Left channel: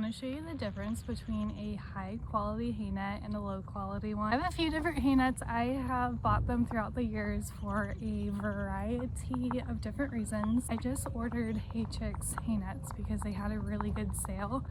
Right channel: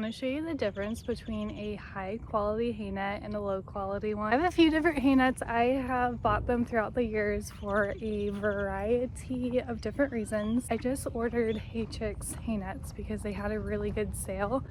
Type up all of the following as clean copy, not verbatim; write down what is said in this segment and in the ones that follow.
want to show you the difference between a high quality hay net and a low quality one. I have a few different hay nets. I have bought them throughout the years for a variety of different reasons. I just ordered Hay Chicks hay nets because they had a really good sale,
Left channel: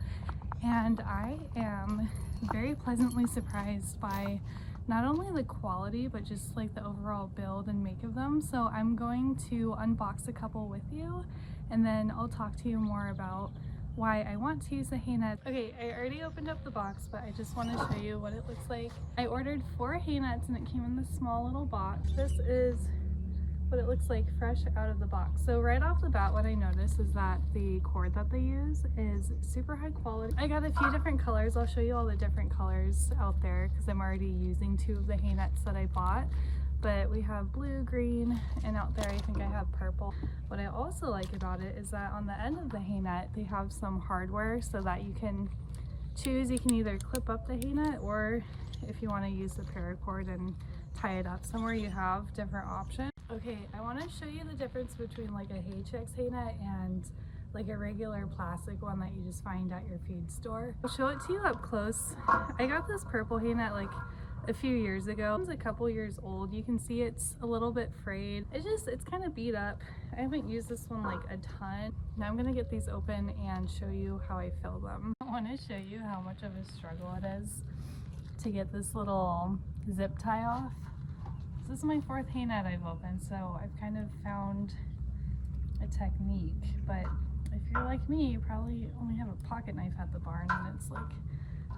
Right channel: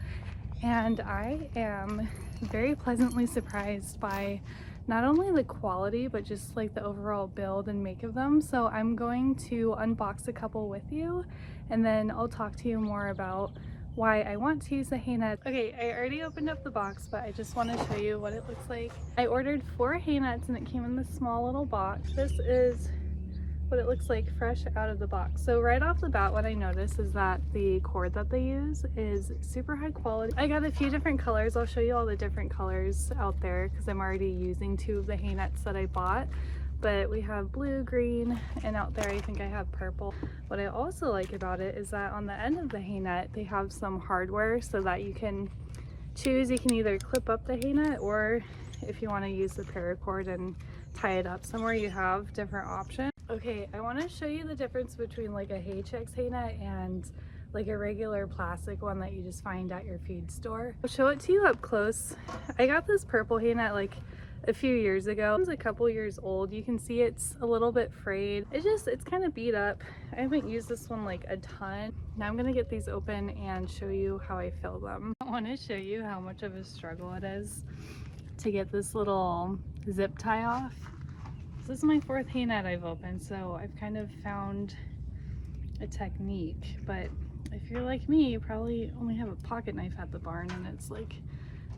and I am very pleasantly surprised by not only the quality but just like the overall build and make of them. So I'm going to unbox a couple with you, and then I'll talk to you more about why I want to use the hay net. Okay, I already opened up the box, but I just want to show you what it looks like. I ordered 4 hay nets and it came in this small little box. This is what it looks like fresh out of the box. So right off the bat, what I noticed is that the cord that they use is super high quality. I got a few different colors. I'll show you all the different colors out there because I'm already using 2 of the hay nets that I bought. But we have blue, green, and out there I think I have purple. What I also like about it is that on the end of the hay net they have some hardware so that you can choose. You can either clip up the hay net, or if you want to use the paracord and tie it up somewhere, you have different options. Okay, I want to show you the difference between like a Hay Chicks hay net and like a regular plastic one that you just find at your feed store. I'll show it to you up close. I got this purple hay net like a few years ago. It's a couple years old. You can see it's a little bit frayed. It's kind of beat up. I haven't used this one like a ton. Now I'm gonna get these open and show you how I fill them. I want to show you how much of a struggle it is to get this little zip tie off. This is my 4th hay net I've opened, so I've kind of found a technique. But if you're like me, you probably only have a pocket knife at the barn and it's like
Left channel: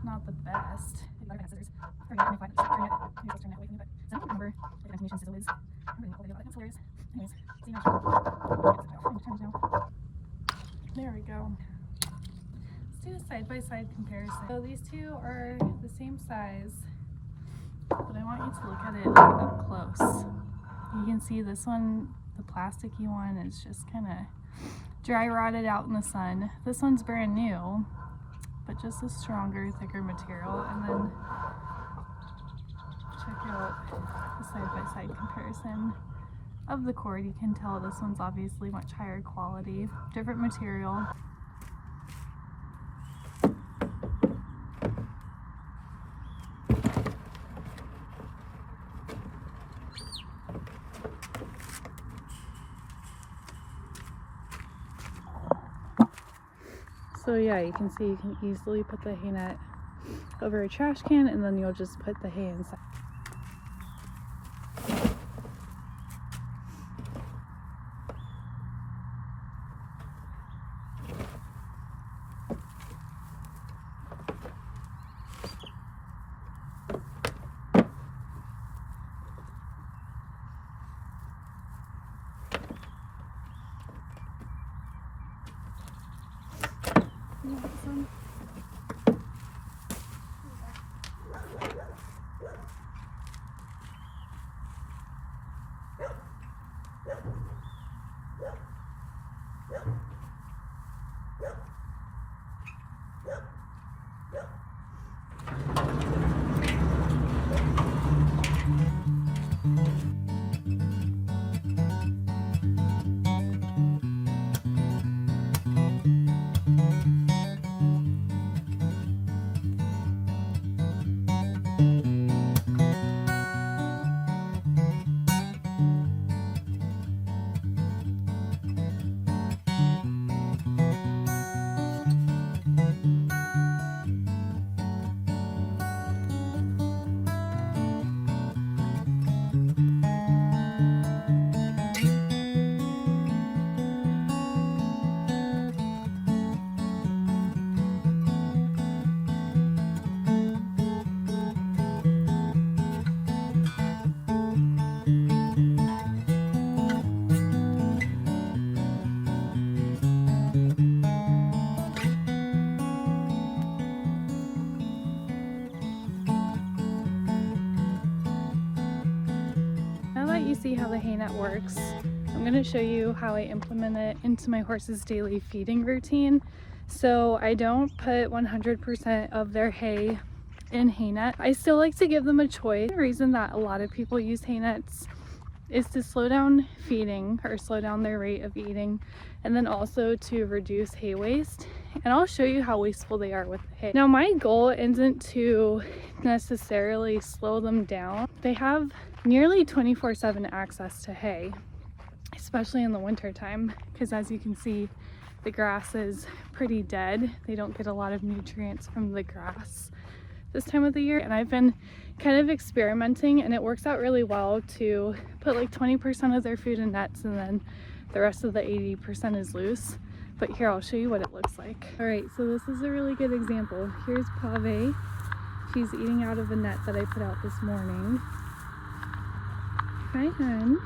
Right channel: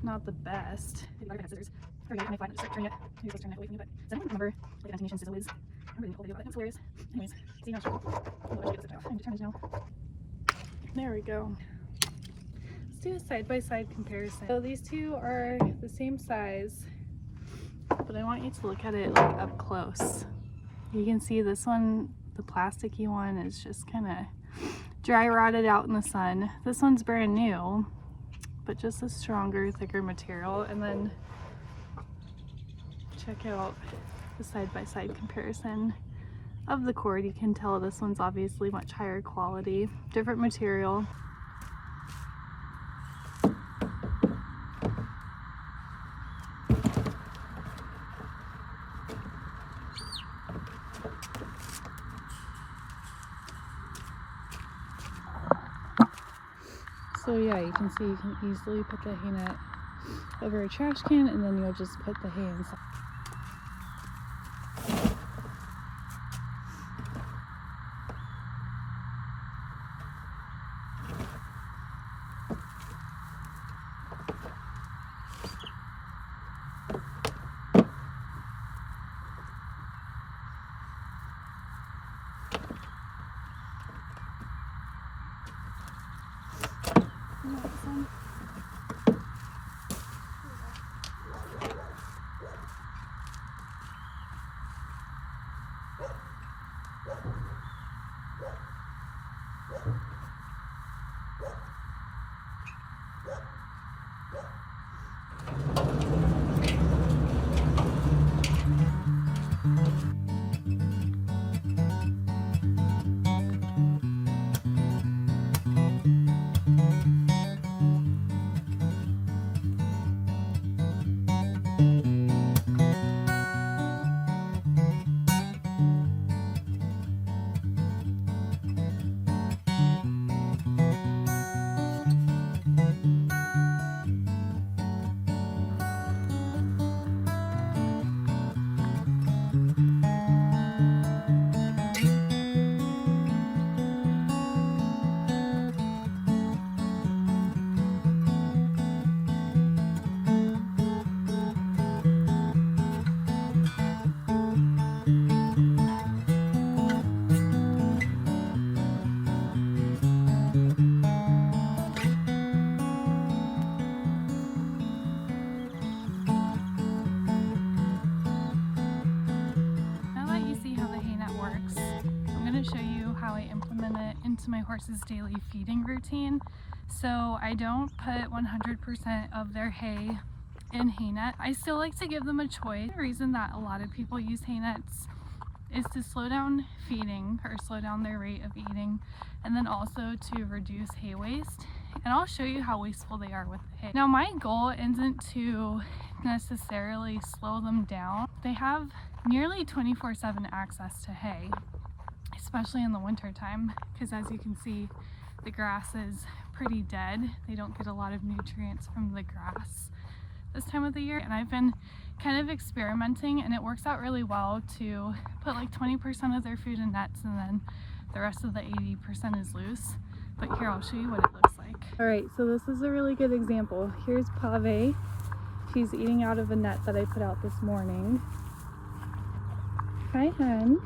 not the best. I have scissors. I find it, just turn it. Maybe I'll turn it away from you, but I don't remember what the animation sizzle is. I remember the whole video, but it was hilarious. Anyways, see how I'm just trying now. There we go. Let's do a side-by-side comparison. So these 2 are the same size, but I want you to look at it like up close. You can see this one, the plasticky one, is just kind of dry rotted out in the sun. This one's brand new, but just a stronger, thicker material. And then check out the side-by-side comparison of the cord. You can tell this one's obviously much higher quality, different material. So yeah, you can see you can easily put the hay net over a trash can, and then you'll just put the hay inside. Works. I'm going to show you how I implement it into my horse's daily feeding routine. So I don't put 100% of their hay in hay net. I still like to give them a choice. The reason that a lot of people use hay nets is to slow down feeding or slow down their rate of eating, and then also to reduce hay waste. and I'll show you how wasteful they are with the hay. Now my goal isn't to necessarily slow them down. They have nearly 24/7 access to hay, especially in the winter time, because as you can see, the grass is pretty dead. They don't get a lot of nutrients from the grass this time of the year, and I've been kind of experimenting, and it works out really well to put like 20% of their food in nets and then the rest of the 80% is loose. But here, I'll show you what it looks like. All right, so this is a really good example. Here's PIVO. She's eating out of a net that I put out this morning. Hi, hun.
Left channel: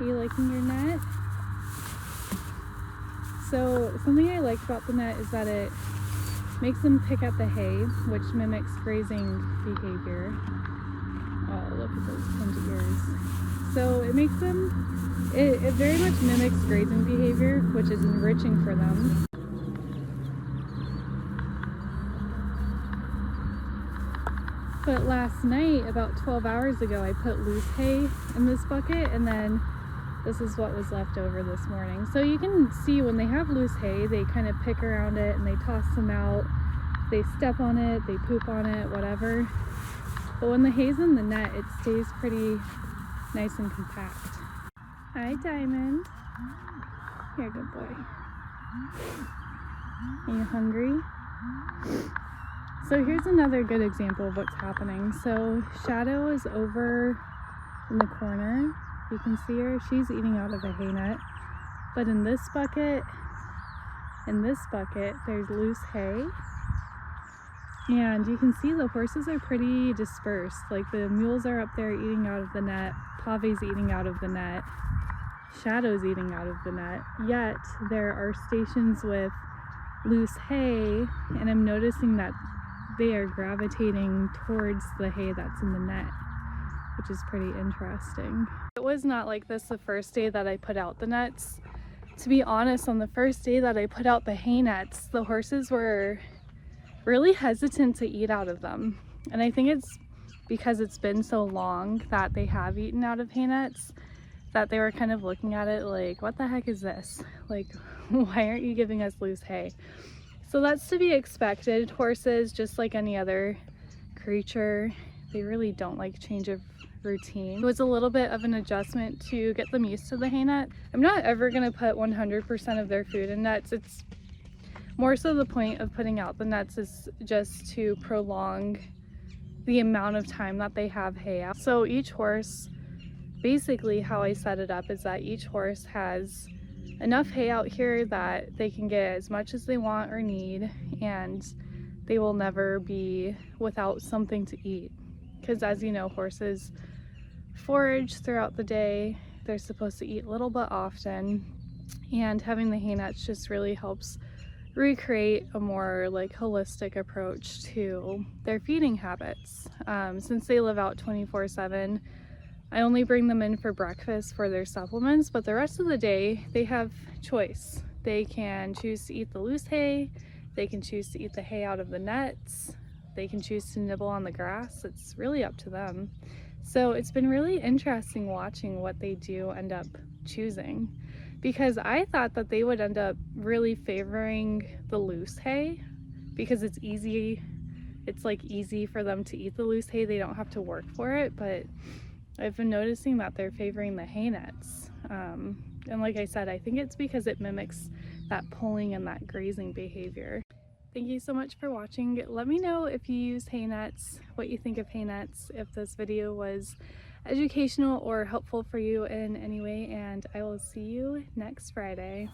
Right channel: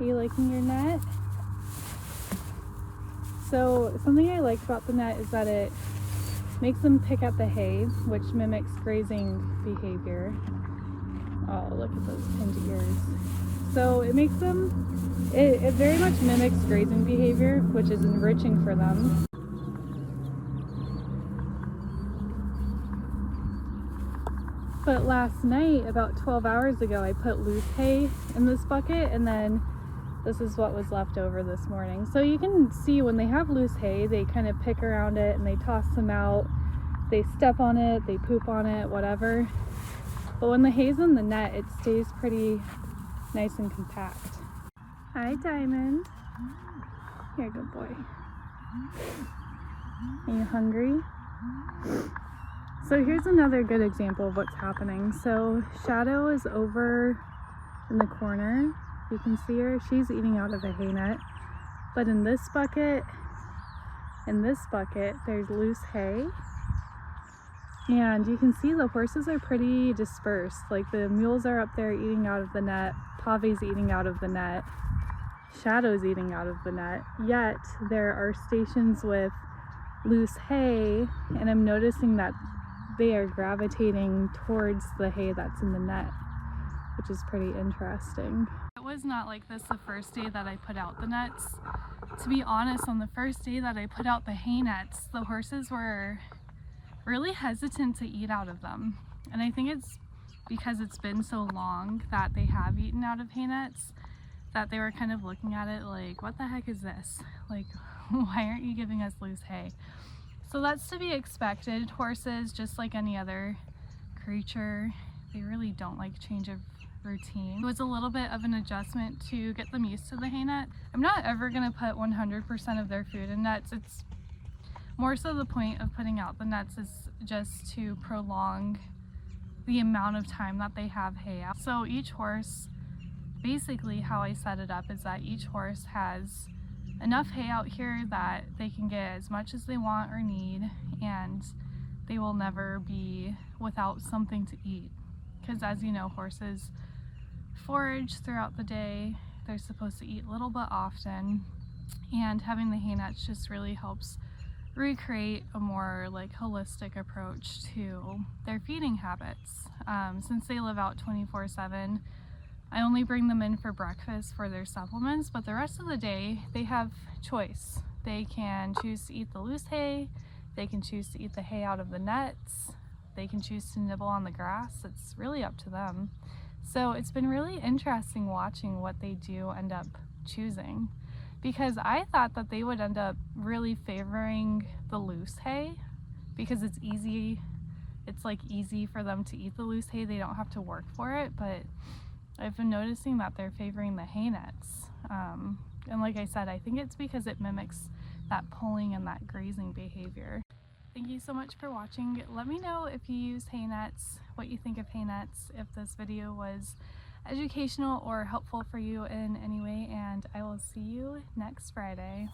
Are you liking your net? So something I like about the net is that it makes them pick at the hay, which mimics grazing behavior. Oh, look at those pinned ears. So it makes them, it very much mimics grazing behavior, which is enriching for them. But last night, about 12 hours ago, I put loose hay in this bucket, and then this is what was left over this morning. So you can see when they have loose hay, they kind of pick around it and they toss them out. They step on it, they poop on it, whatever. But when the hay's in the net, it stays pretty nice and compact. Hi, Diamond. You're a good boy. Are you hungry? So here's another good example of what's happening. So Shadow is over in the corner. You can see her, she's eating out of a hay net. But in this bucket, there's loose hay. And you can see the horses are pretty dispersed. Like the mules are up there eating out of the net, PIVO's eating out of the net, Shadow's eating out of the net. Yet there are stations with loose hay, and I'm noticing that they are gravitating towards the hay that's in the net, which is pretty interesting. It was not like this the first day that I put out the nets. To be honest, on the first day that I put out the hay nets, the horses were really hesitant to eat out of them. And I think it's because it's been so long that they have eaten out of hay nets that they were kind of looking at it like, what the heck is this? Like, why aren't you giving us loose hay? So that's to be expected. Horses, just like any other creature, they really don't like change of routine. It was a little bit of an adjustment to get them used to the hay net. I'm not ever going to put 100% of their food in nets. It's more so the point of putting out the nets is just to prolong the amount of time that they have hay out. So each horse, basically how I set it up is that each horse has enough hay out here that they can get as much as they want or need, and they will never be without something to eat. Because as you know, horses forage throughout the day. They're supposed to eat little but often, and having the hay nets just really helps recreate a more like holistic approach to their feeding habits. Since they live out 24/7, I only bring them in for breakfast for their supplements, but the rest of the day they have choice. They can choose to eat the loose hay, they can choose to eat the hay out of the nets, they can choose to nibble on the grass. It's really up to them. So it's been really interesting watching what they do end up choosing, because I thought that they would end up really favoring the loose hay because it's easy. It's like easy for them to eat the loose hay. They don't have to work for it, but I've been noticing that they're favoring the hay nets. And like I said, I think it's because it mimics that pulling and that grazing behavior. Thank you so much for watching. Let me know if you use hay nets, what you think of hay nets, if this video was educational or helpful for you in any way, and I will see you next Friday.